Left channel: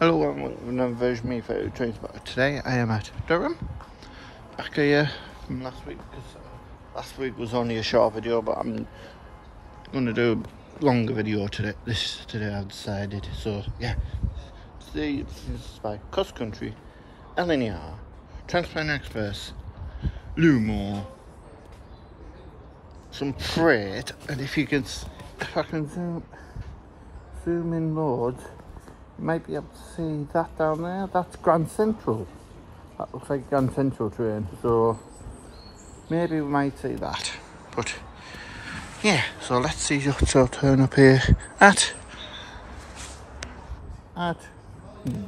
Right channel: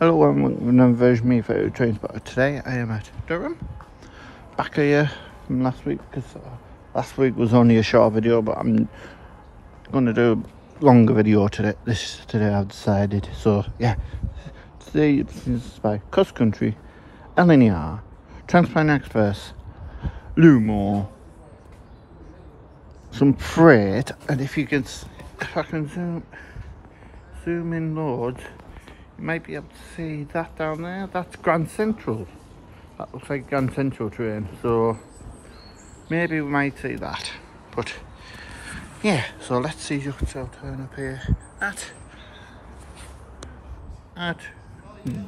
Hello, I'm another version of me for train spotter. Today I am at Durham, back here from last week, because last week was only a short video, but I'm going to do a longer video today. Today I've decided. So yeah, today this is by Cross Country, LNER, Transplant Express, LNER, some freight, and if I can zoom in loads. You might be able to see that down there. That's Grand Central. That looks like Grand Central train. So maybe we might see that. But yeah, so let's see what's our turn up here at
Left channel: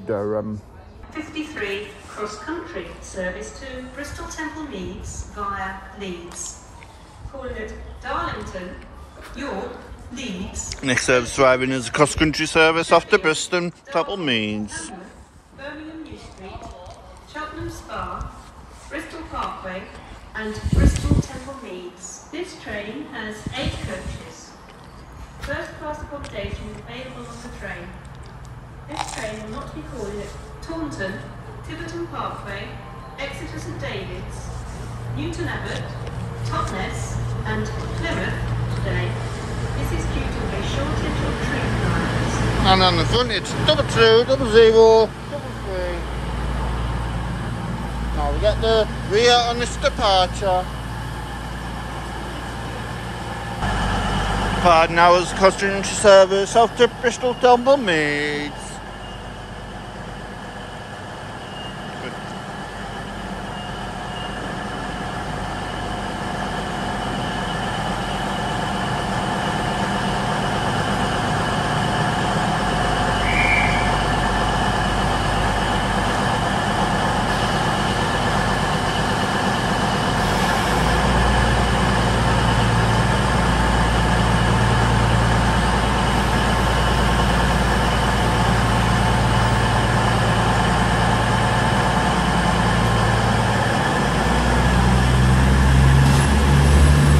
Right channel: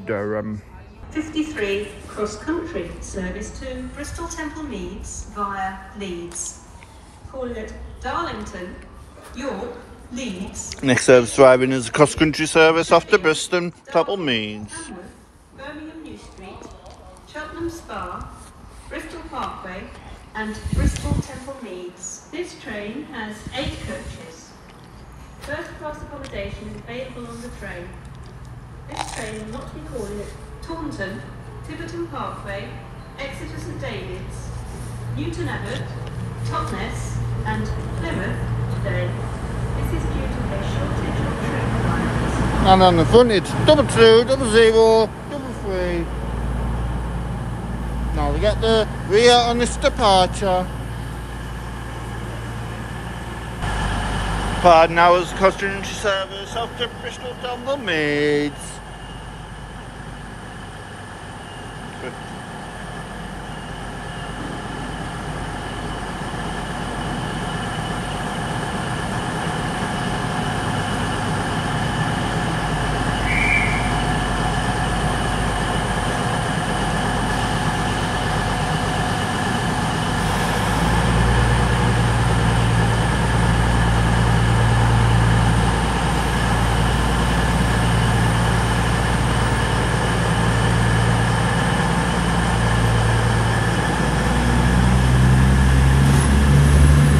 Durham. 53 cross country service to Bristol Temple Meads via Leeds. Calling at Darlington, York, Leeds. Next service driving is a cross-country service off to Bristol Temple Meads. Birmingham New Street, Cheltenham Spa, Bristol Parkway and Bristol Temple Meads. This train has 8 coaches. First class accommodation is available on the train. This train will not be calling at Taunton, Tiverton Parkway, Exeter St David's, Newton Abbot, Totnes and Plymouth today. This is due to a shortage of train lines. And on the front it's 2200 3. Now we get the rear on this departure. Departing hours cross-country service off to Bristol Temple Meads.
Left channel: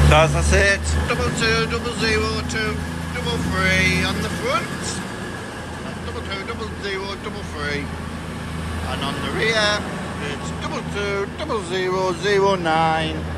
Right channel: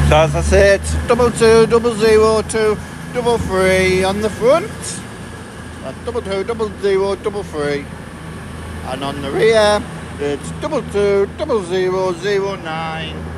So as I say, it's 220023 on the front. That's 220023. And on the rear, it's 220009.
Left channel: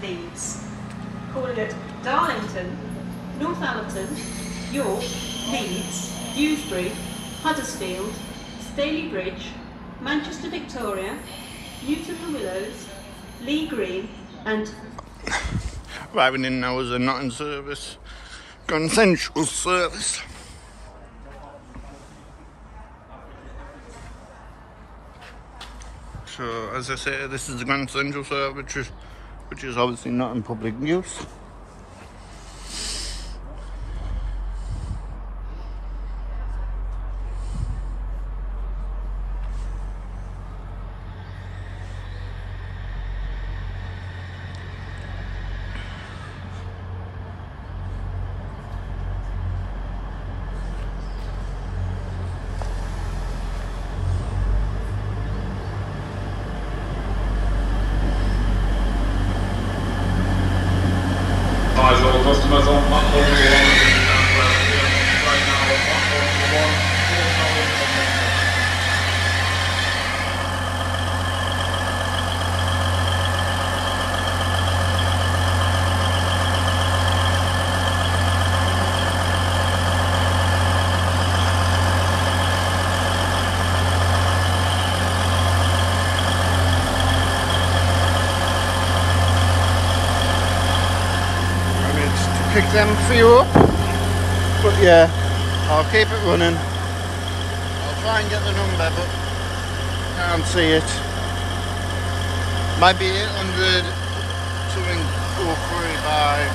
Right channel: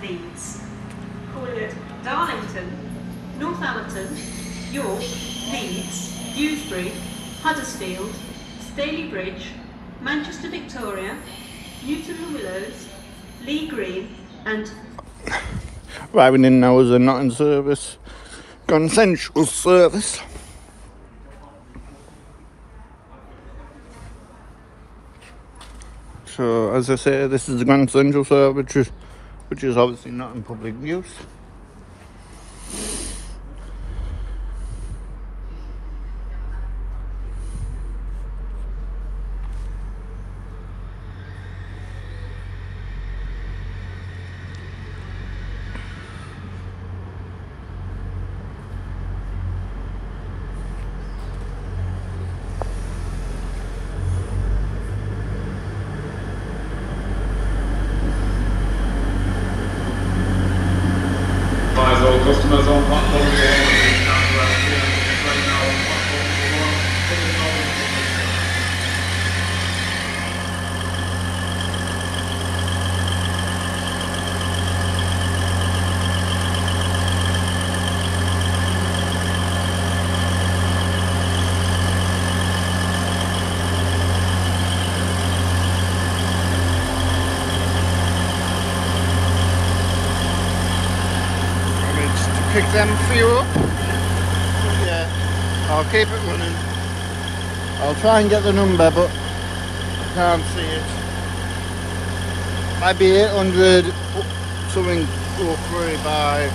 Leeds. Calling at Darlington, Northampton, York, Leeds, Dewsbury, Huddersfield, Staley Bridge, Manchester Victoria, Newton the Willows, Lee Green and... Arriving in now is a not in service, Grand Central service. So as I say, this is the Grand Central service, which is obviously not in public use. All customers on platform 1, right now on platform pick them for you up, but yeah, I'll keep it running. I'll try and get the number, but can't see it. Might be 800 something go free by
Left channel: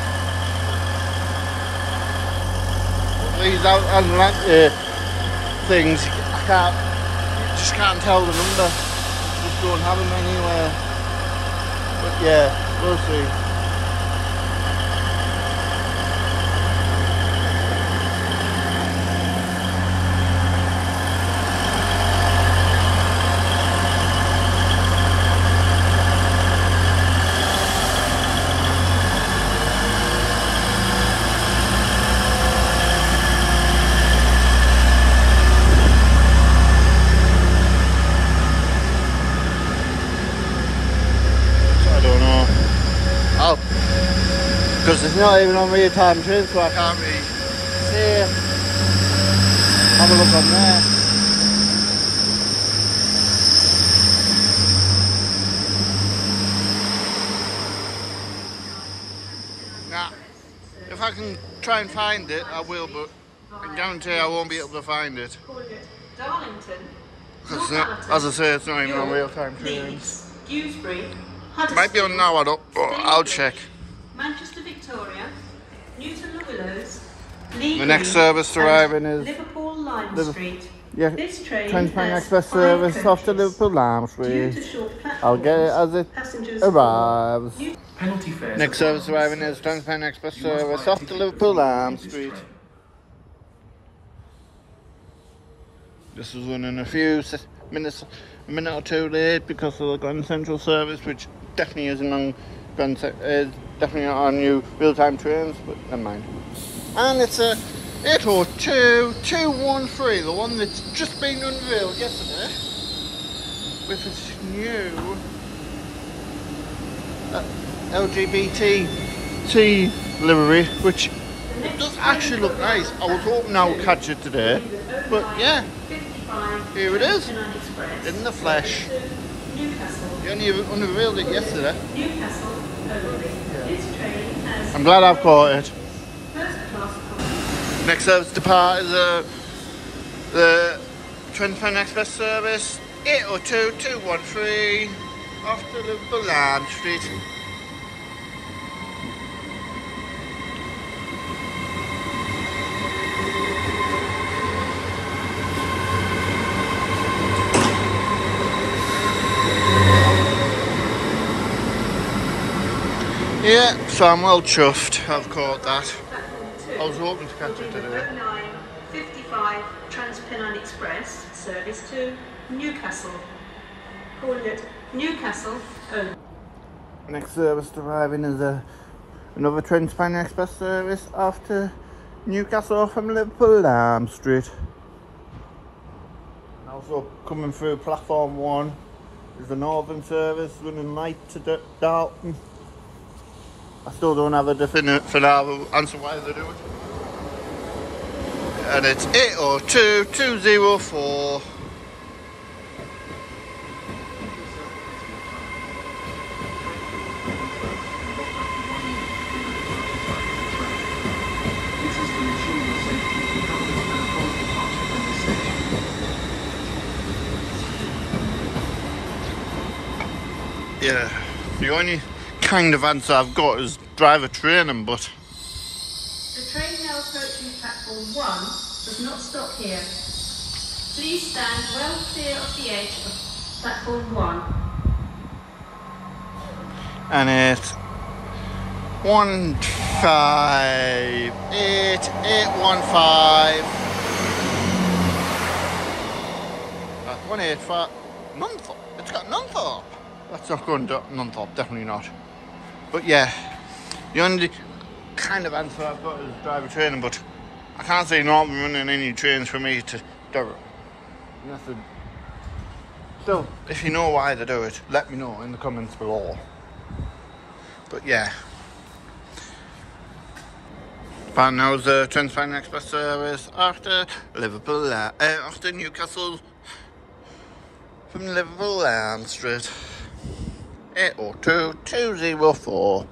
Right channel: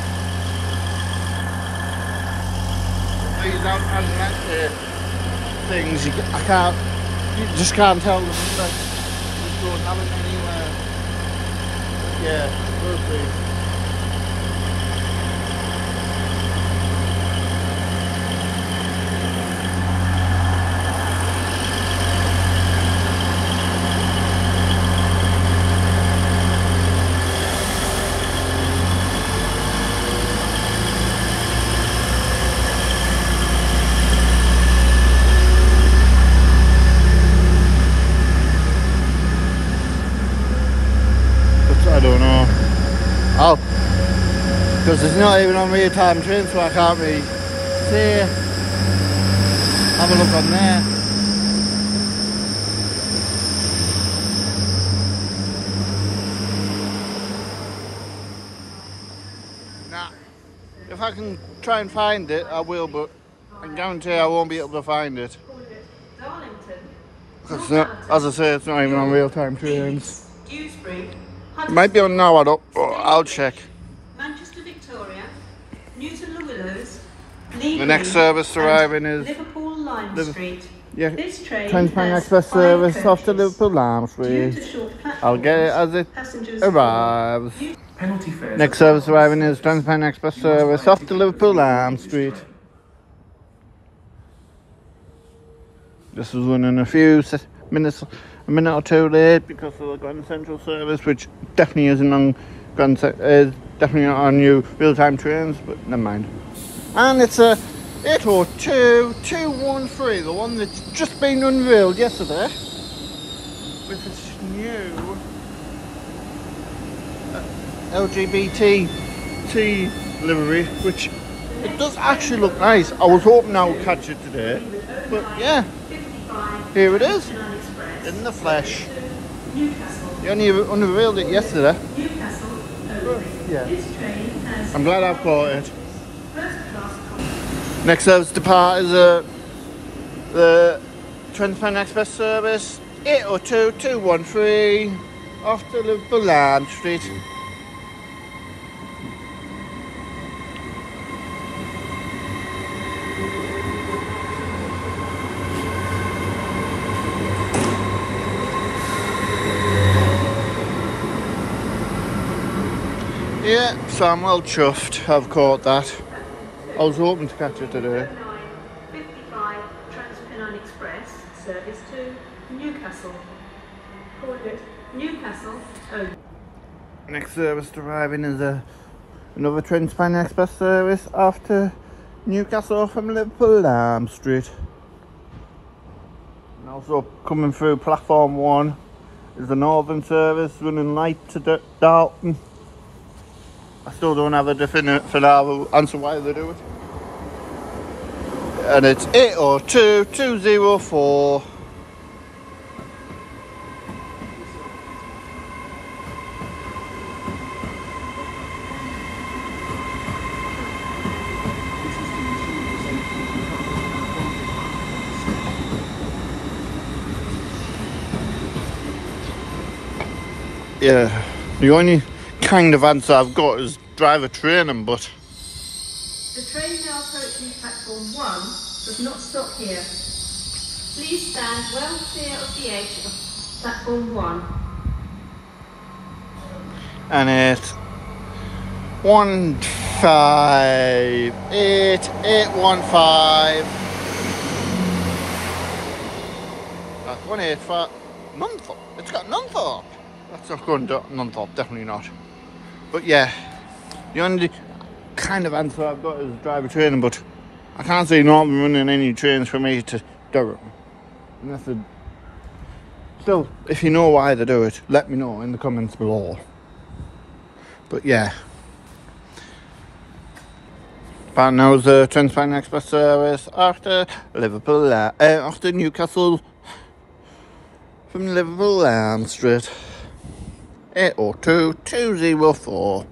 these Atlantic things. You just can't tell the number. You just don't have them anywhere. But yeah, we'll see. see. Nah, if I can try and find it, I will, but I guarantee I won't be able to find it. Darlington, Because, as I say, it's not even on real-time trains. Dewsbury, It might be on now, I don't. Oh, I'll check. Manchester Victoria, Newton the Willows, The next service arriving is Liverpool Lime Street. Yeah, This train Transpan has Express 5 service off to coaches. Liverpool Lime Due Street. to short I'll get it as it passengers arrives. Penalty fares. Next service arriving is Transpan Express service off to Liverpool Lime Street. This was running a few minutes, a minute or two late because of the Grand Central service, which definitely isn't on definitely not on new real-time trains, but never mind. And it's a 802.213, the one that's just been unveiled yesterday, with its new LGBT livery, which it does actually look nice. I was hoping I would catch it today, but yeah, here it is, in the flesh. They only unveiled it yesterday. I'm glad I've caught it. Next service depart is the Transpan Express service 802.213 off to Liverpool Lime Street. Yeah, so I'm well chuffed I've caught that. I was hoping to catch it today. 9:55 Transpennine Express service to Newcastle. Called it Newcastle. Next service arriving is another Transpan Express service after Newcastle from Liverpool Lime Street. And also coming through platform 1 is the Northern service running light to Dalton. I still don't have a definite answer why they do it. And it's 802.204. Yeah, the only kind of answer I've got is driver training, but the train now approaching platform 1 does not stop here. Please stand well clear of the edge of platform 1. and it's 158.815. 185. Nunthorpe. It's got Nunthorpe. That's not going to Nunthorpe, definitely not. But yeah, the only kind of answer I've got is driver training, but I can't see Norton running any trains for me to Durham. Still, if you know why they do it, let me know in the comments below. But yeah. But now the Transpan Express service after Liverpool, after Newcastle from Liverpool Lime Street. 802.204.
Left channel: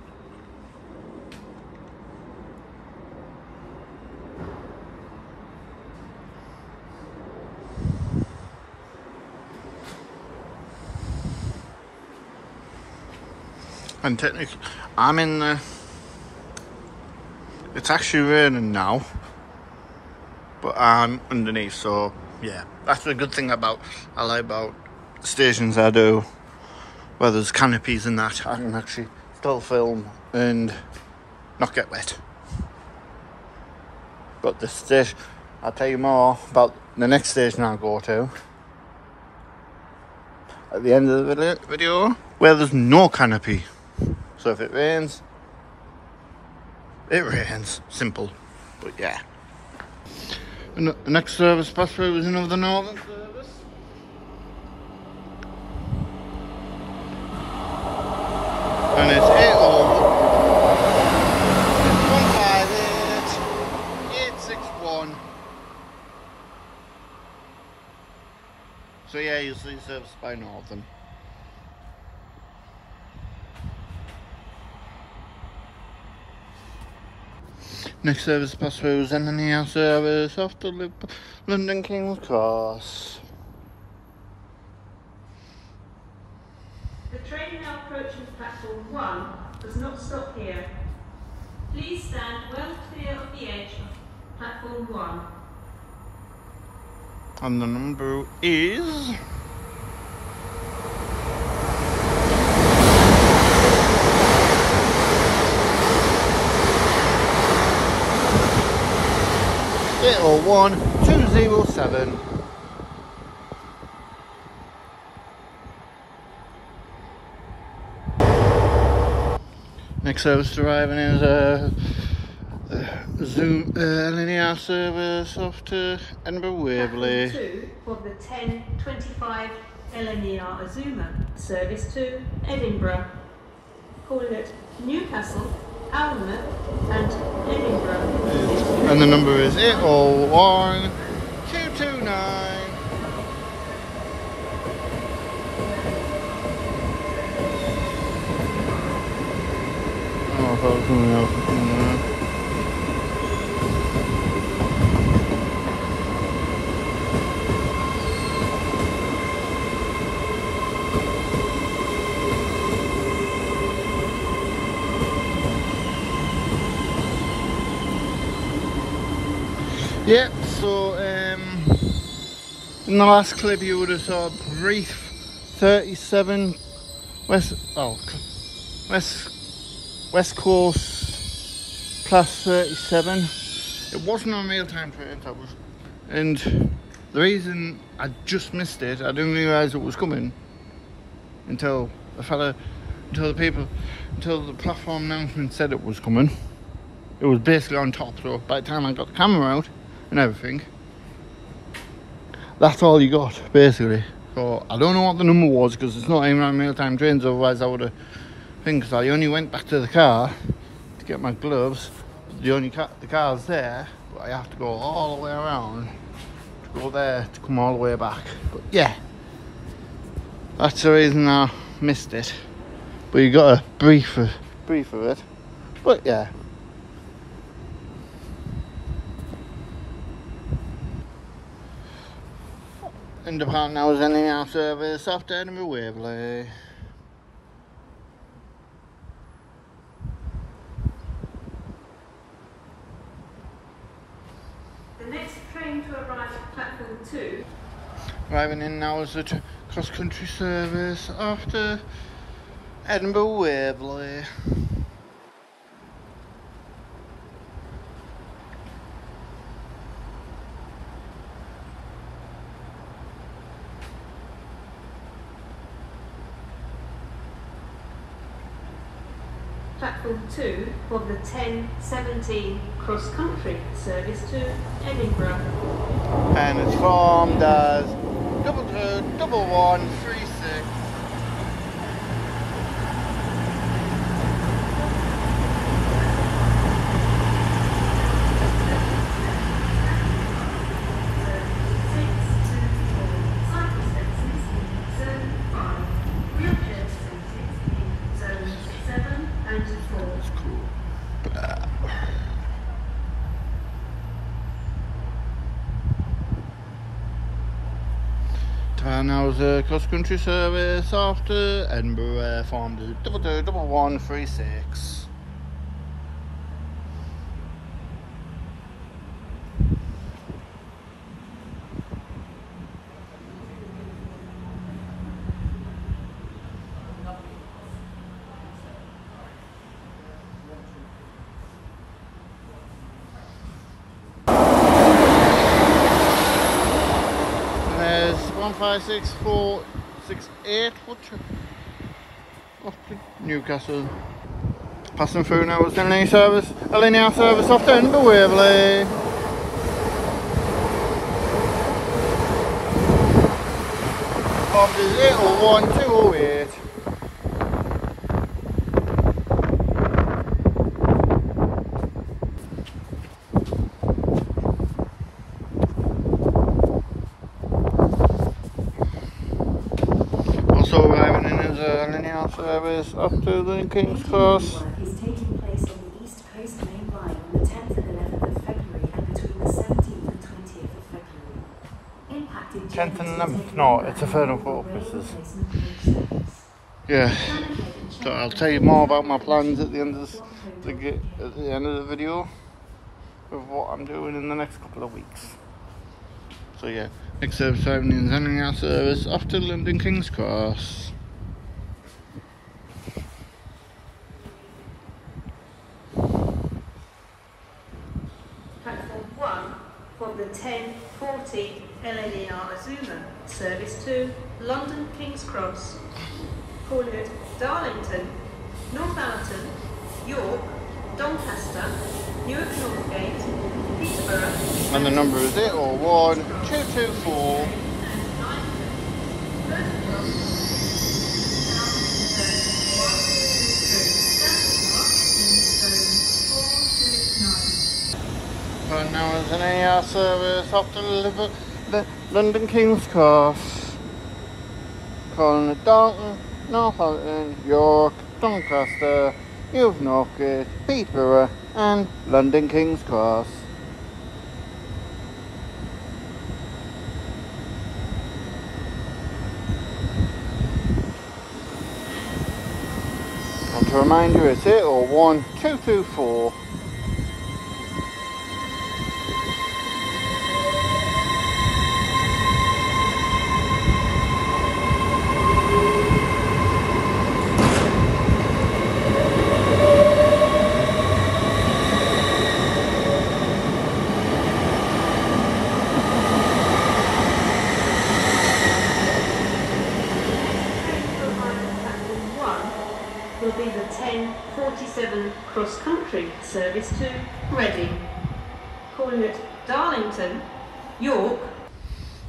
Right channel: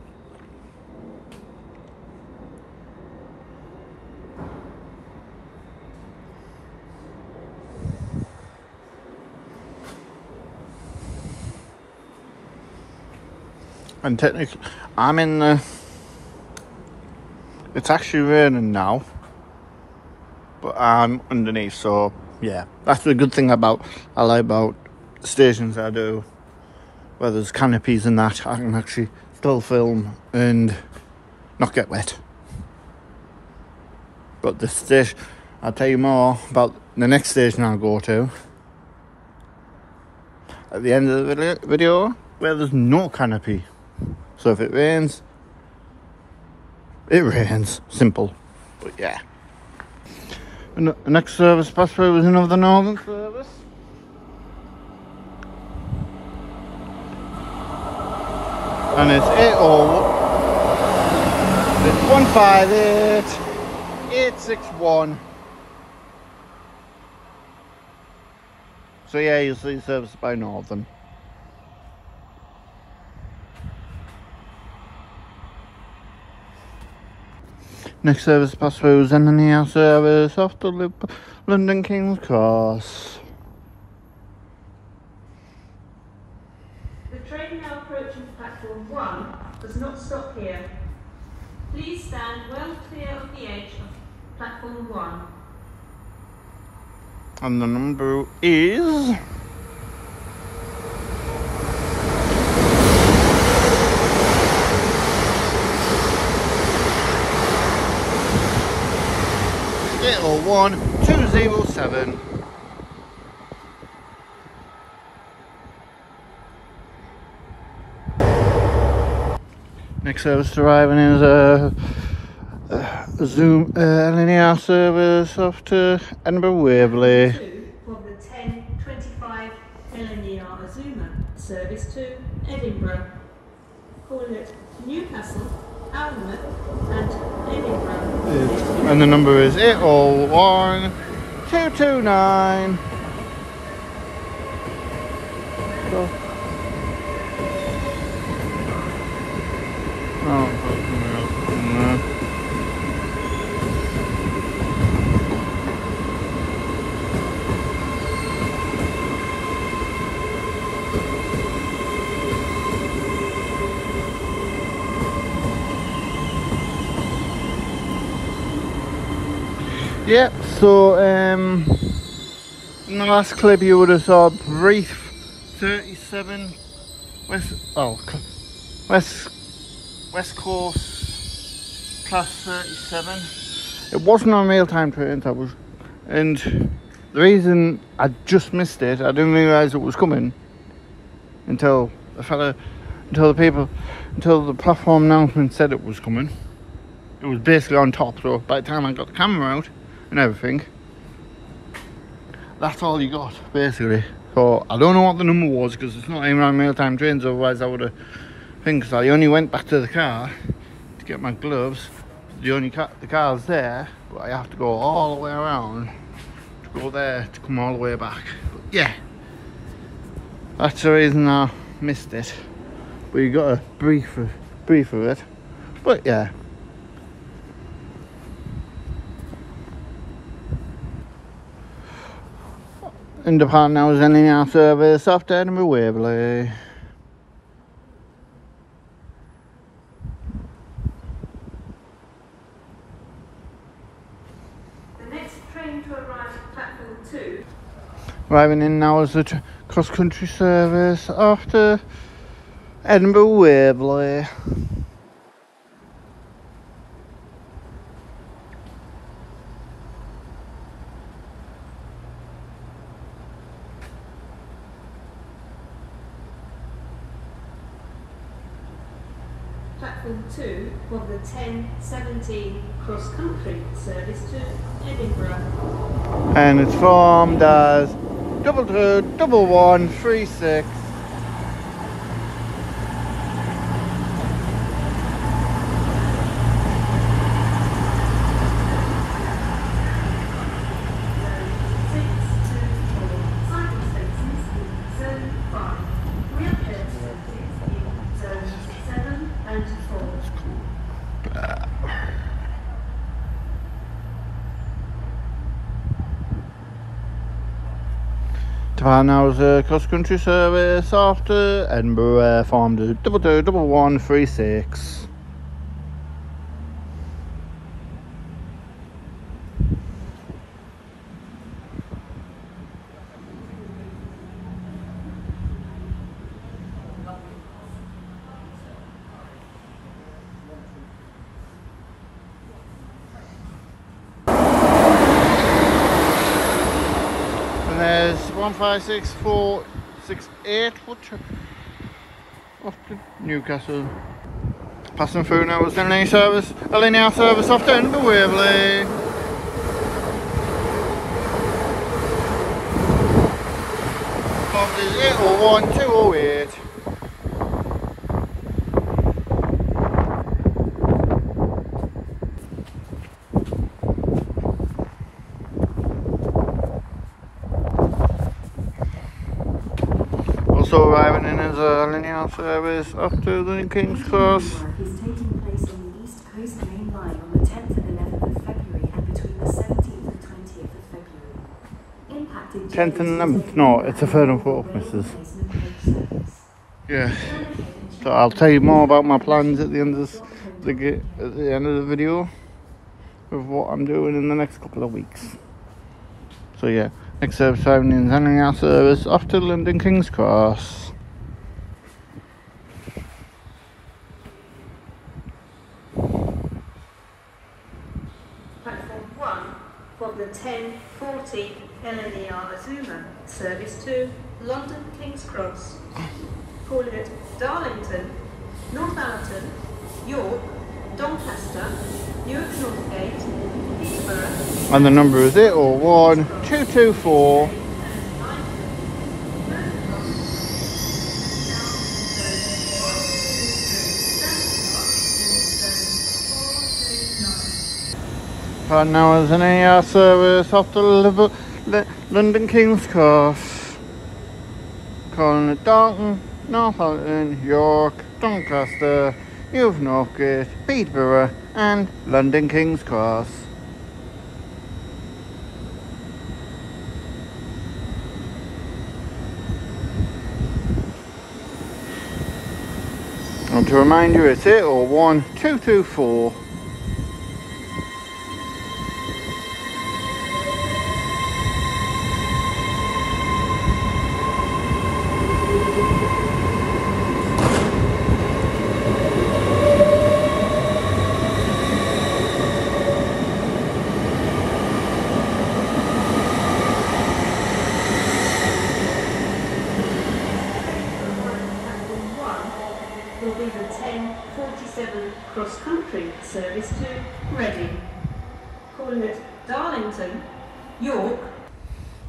And technically, I'm in the... It's actually raining now, but I'm underneath, so yeah. That's the good thing I like about stations I do, where there's canopies and that. I can actually still film and not get wet. But this station, I'll tell you more about the next station I'll go to at the end of the video, where there's no canopy. So if it rains, it rains. Simple. But yeah. And the next service pass through is another Northern service. And it's 80158.866. 661. So yeah, you'll see service by Northern. Next service pass through is LNER service off the London King's Cross. The train now approaching platform 1 does not stop here. Please stand well clear of the edge of platform 1. And the number is... Little 1207. Next service arriving is Zoom LNER service off to Edinburgh Waverley. 2 for the 10:25 LNER Azuma service to Edinburgh. Calling it Newcastle, Alnmouth and Edinburgh. And the number is 801229. Oh, that's yeah, so in the last clip you would have saw a brief 37 West Coast class 37. It wasn't on real-time trains, and the reason I just missed it, I didn't realise it was coming until the platform announcement said it was coming. It was basically on top, so by the time I got the camera out and everything, that's all you got basically. So I don't know what the number was because it's not even on real-time trains, otherwise I would have because I only went back to the car to get my gloves. The car's there, but I have to go all the way around to go there to come all the way back. But yeah, that's the reason I missed it. But you got a brief of it. But yeah. In the part now is LNER service off to Edinburgh Waverley. The next train to arrive at platform 2. Arriving in now is the cross-country service off to Edinburgh Waverley. Platform 2 for the 10:17 cross-country service to Edinburgh. And it's formed as 221136. Now is a cross-country service after Edinburgh, formed as 221136. There's 156468 off to Newcastle. Passing through now is LNER service off to Edinburgh Waverley. Off is 801208. Also arriving in his LNER service up to the King's Cross. Work is taking place on the East Coast Main Line on the 10th and 11th of February and between the 17th and 20th of February. Impacted No, it's a third and fourth. Yeah. So I'll tell you more about my plans at the end of the video of what I'm doing in the next couple of weeks. So yeah, next service arriving in LNER service off to London King's Cross. Platform 1 from the 10:40 LNER Azuma service to London King's Cross. Call it Darlington, Northampton, York, Doncaster, Newark Northgate, Peterborough. And the number is 801 224. Right now is an AR service off the London King's Cross. Calling it Dalton, Northampton, York, Doncaster, Newark Northgate, Peterborough and London King's Cross. And to remind you, it's 801 224. Will be the 10:47 cross-country service to Reading. Calling it Darlington, York.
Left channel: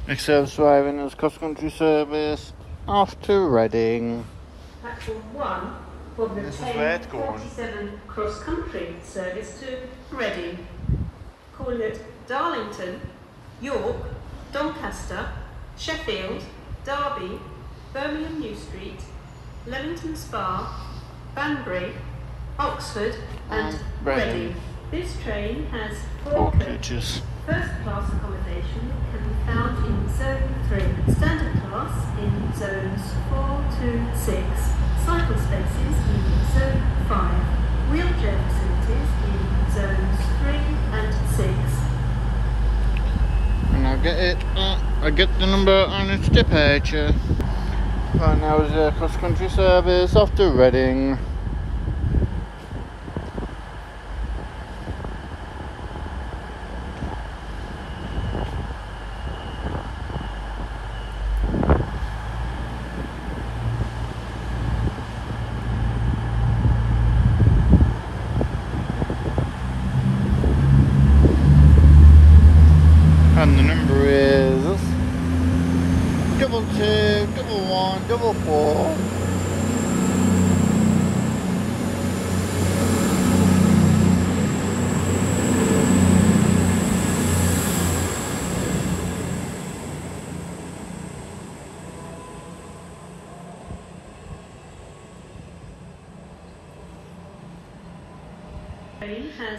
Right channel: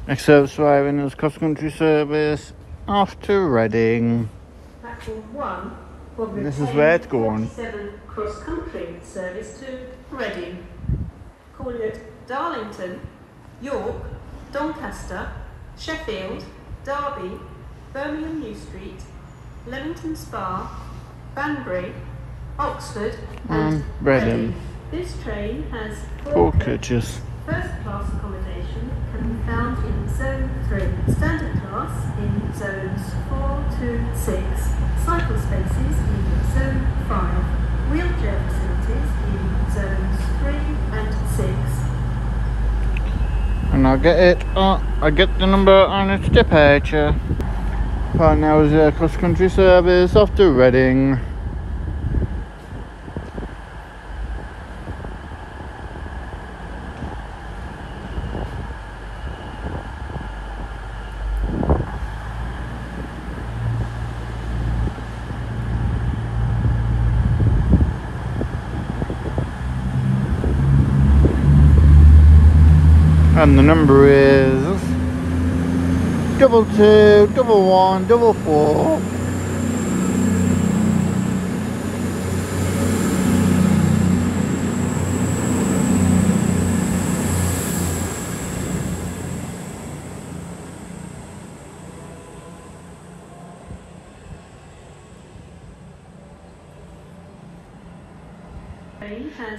Next service arriving is cross-country service off to Reading. Platform 1 from the This is where it's going. 10:47 cross-country service to Reading. Calling it Darlington, York, Doncaster, Sheffield, Derby, Birmingham New Street, Leamington Spa, Banbury, Oxford and Reading. This train has 4 coaches. First class accommodation can be found in Zone 3, Standard class in Zones 4 to 6, cycle spaces in Zone 5, wheelchair facilities in Zones 3 and 6. And I get the number on its departure. Right now is a cross-country service off to Reading. And the number is 22 11 44.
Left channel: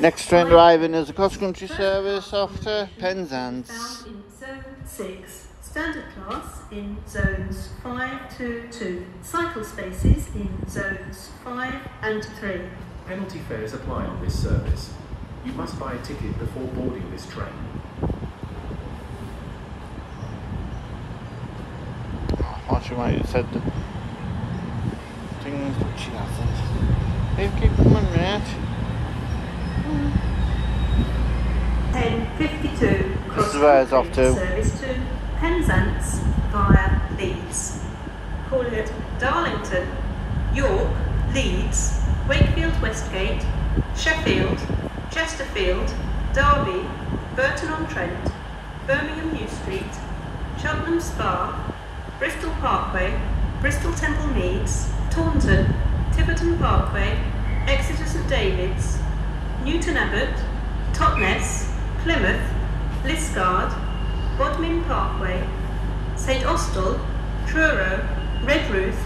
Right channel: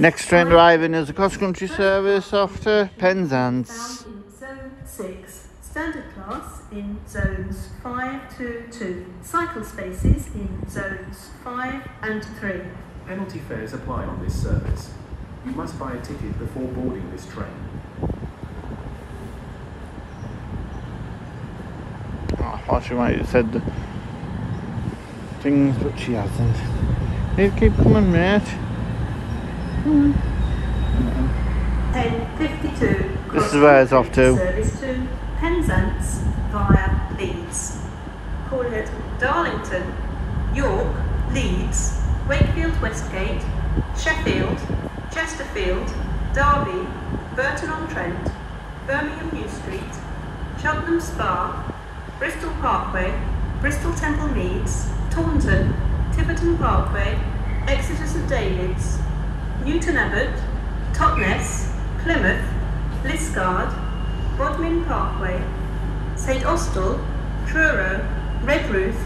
Next train arriving is a cross-country service off to Penzance. Found in Zone 6, Standard class in Zones 5 to 2, cycle spaces in Zones 5 and 3. Penalty fares apply on this service. You must buy a ticket before boarding this train. Oh, I thought you might have said the things, but she hasn't. You keep coming, mate. 10:52 This is where it's off to. Service to Penzance via Leeds. Call it Darlington, York, Leeds, Wakefield Westgate, Sheffield, Chesterfield, Derby, Burton-on-Trent, Birmingham New Street, Cheltenham Spa, Bristol Parkway, Bristol Temple Meads, Taunton, Tiverton Parkway, Exeter St David's, Newton Abbot, Totnes, Plymouth, Liscard, Bodmin Parkway, St Austell, Truro, Redruth,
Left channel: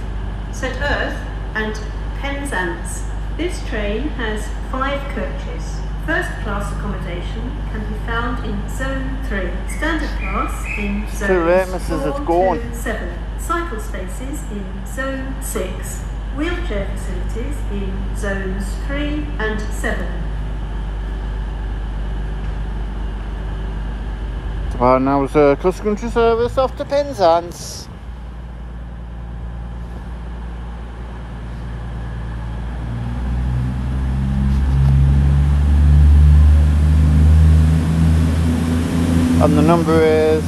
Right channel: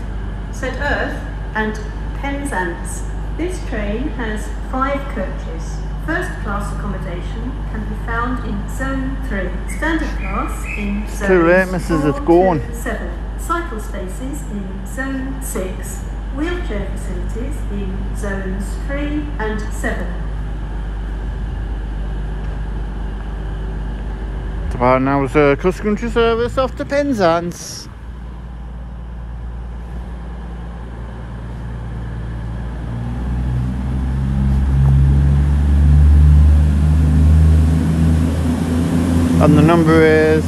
St Earth and Penzance. This train has 5 coaches. First class accommodation can be found in Zone 3, standard class in Zones 4 to 7, cycle spaces in Zone 6, wheelchair facilities in Zones 3 and 7. Right, now it's a cross-country service off to Penzance. And the number is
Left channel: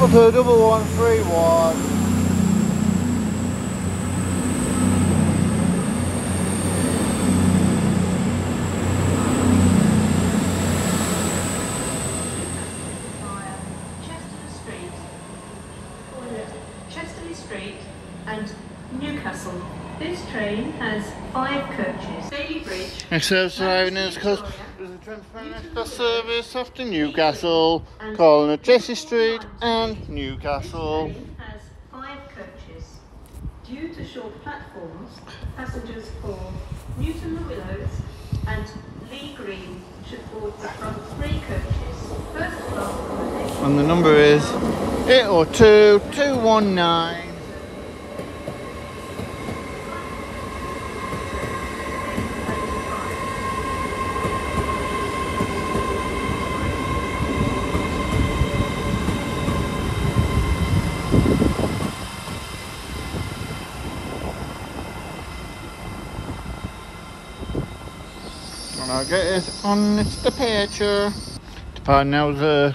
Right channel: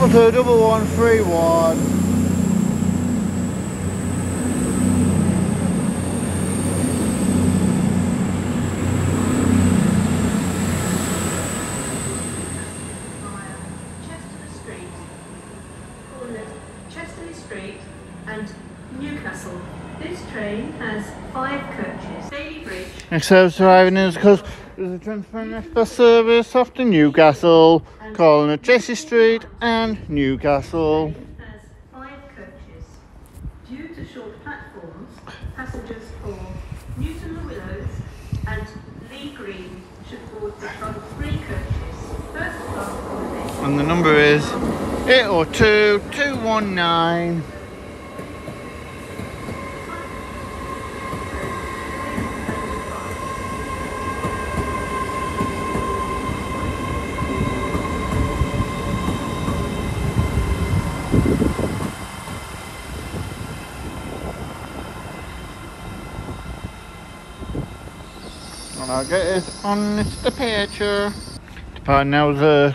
113131. Street and Newcastle. This train has 5 coaches. Daily Bridge. Next service arriving is because there's a Transparent Express service off to Newcastle, calling at Jesse Street and Newcastle. This train has 5 coaches. Due to short platforms, passengers for Newton the Willows and Lee Green should board the front 3 coaches. First class accommodation. And the number is 802 219. And I'll get it on the picture. Departing now is a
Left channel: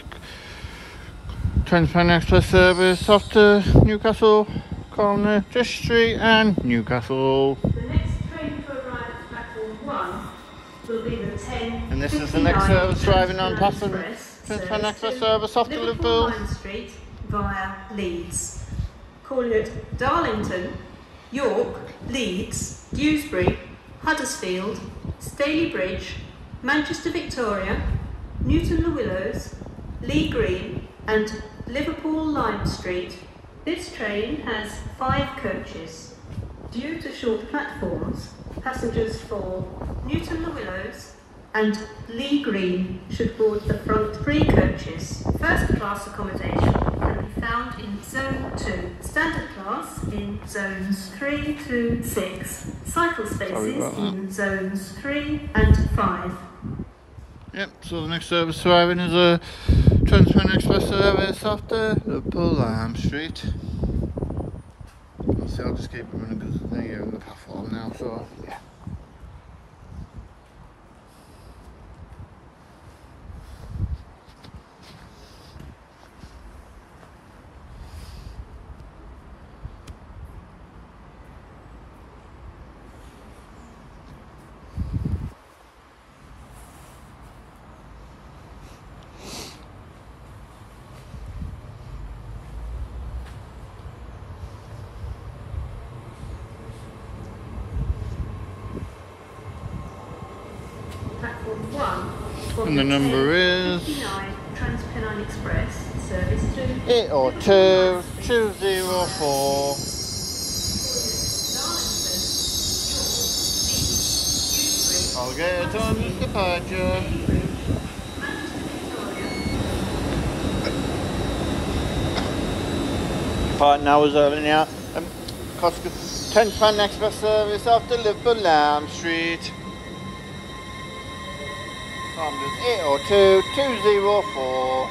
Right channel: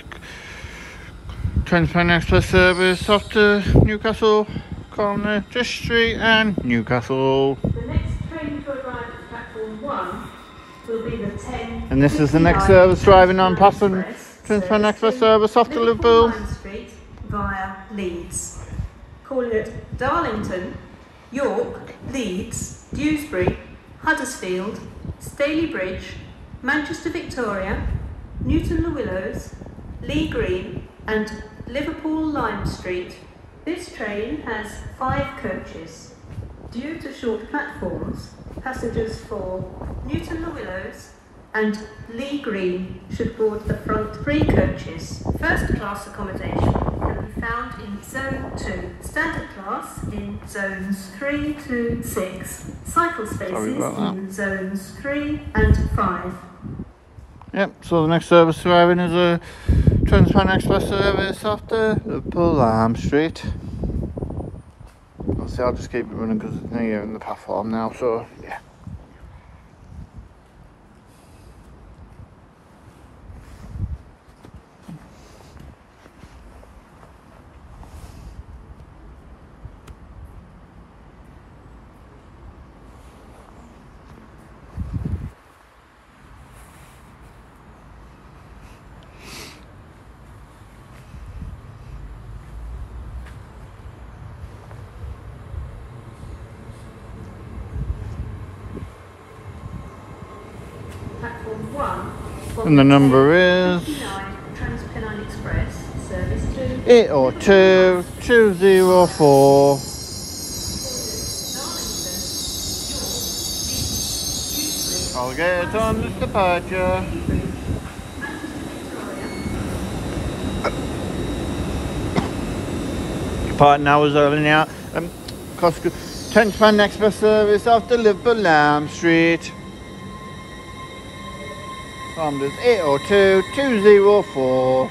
Transparent Express service off to Newcastle, corner Jesse Street and Newcastle. The next train to arrive at platform 1 will be the 10:59. And this is the next service driving on past the Express Transparent Express to service off to Liverpool. Lime Street via Leeds. Calling at Darlington, York, Leeds, Dewsbury, Huddersfield, Staley Bridge, Manchester Victoria, Newton the Willows, Lee Green and Liverpool Lime Street. This train has 5 coaches. Due to short platforms, passengers for Newton the Willows and Lee Green should board the front 3 coaches. First class accommodation can be found in Zone 2, standard class in Zones 3 to 6, cycle spaces in Zones 3 and 5. Yep, so the next service arriving is a Transparent Express service off to Liverpool Lime Street. I'll just keep it running because it's near in the platform now, so yeah. Platform 1 And the number is 59 Transpennine Express service to 802 204. I'll get it on this departure. Departing now is LNER. Transparent Express service off to Liverpool Lime Street. Numbers 802 204.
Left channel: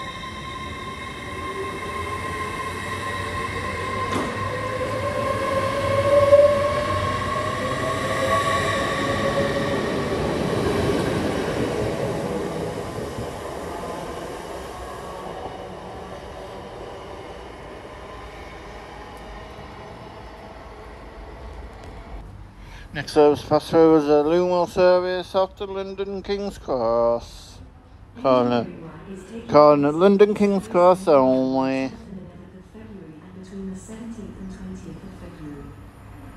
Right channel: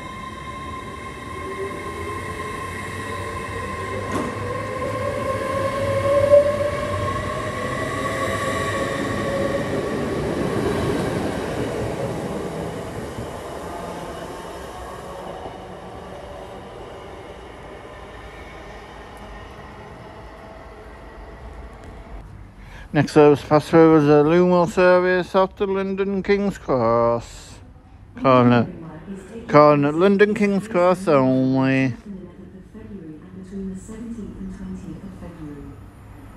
Next service pass through is a Loomwell service after London King's Cross. Calling at London King's Cross only. Between the 17th and 20th of February.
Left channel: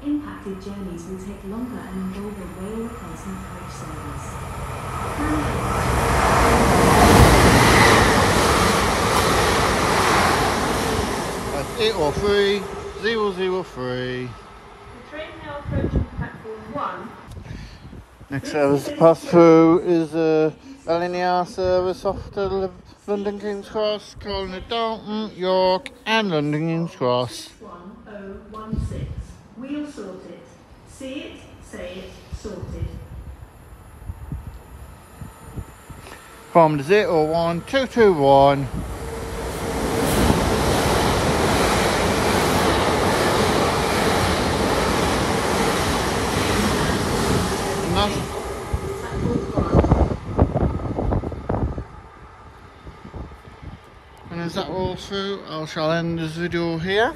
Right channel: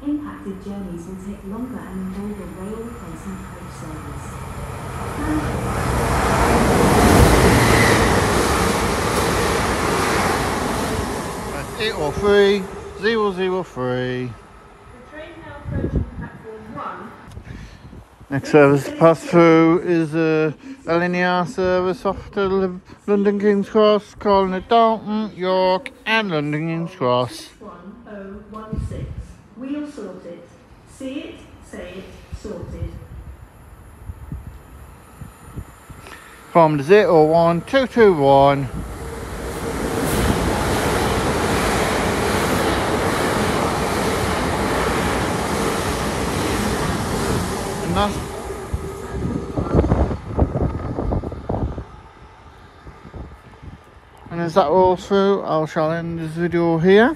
Impacted journeys will take longer and involve a rail replacement coach service. That's 803 003. The train now approaching platform 1. Next service to pass through is a LNER service off to London King's Cross, calling at Dalton, York and London King's Cross. 61016. Wheel sorted. See it, say it, sorted. From the 01221. And as that all through, I shall end this video here.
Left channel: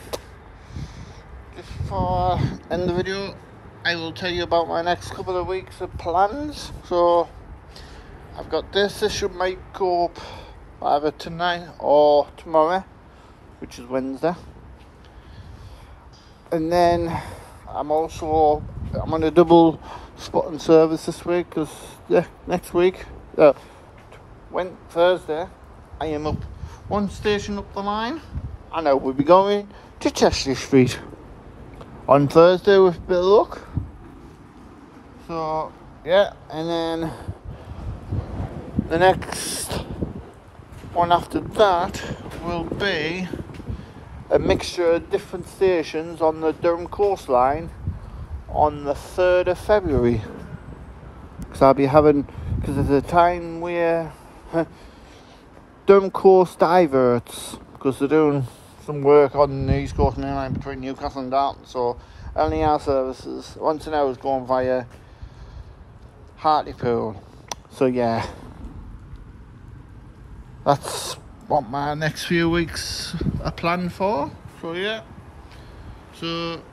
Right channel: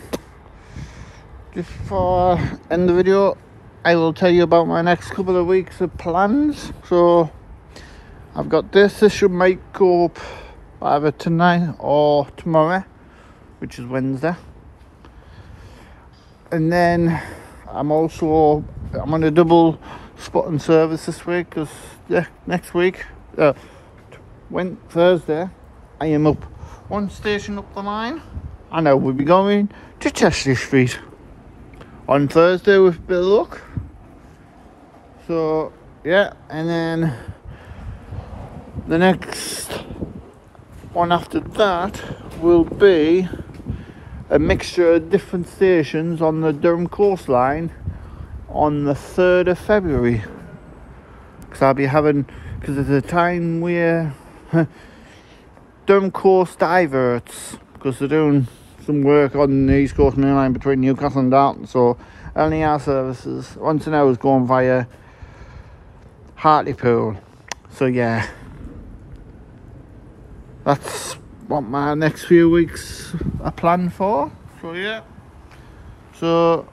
Just before I end the video, I will tell you about my next couple of weeks of plans. So I've got this should make up either tonight or tomorrow, which is Wednesday. And then I'm on a double spotting service this week, because next week, Thursday, I am up one station up the line, and I will be going to Chester Street on Thursday with a bit of luck. So yeah, and then the next one after that will be a mixture of different stations on the Durham coastline on the 3rd of February, because I'll be having, because it's a time where Durham coast diverts, because they're doing some work on the East Coast Main Line between Newcastle and Dalton. So LNER services once an hour is going via Hartlepool. So yeah, that's what my next few weeks are planned for. So yeah, so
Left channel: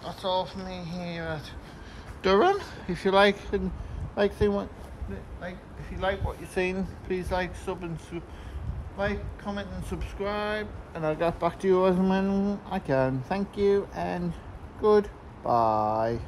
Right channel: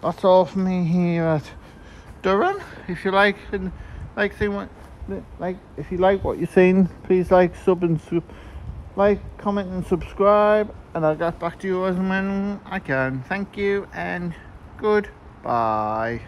that's all from me here at Durham. If you like if you like what you're seeing, please like, comment and subscribe, and I'll get back to you as and when I can. Thank you and goodbye.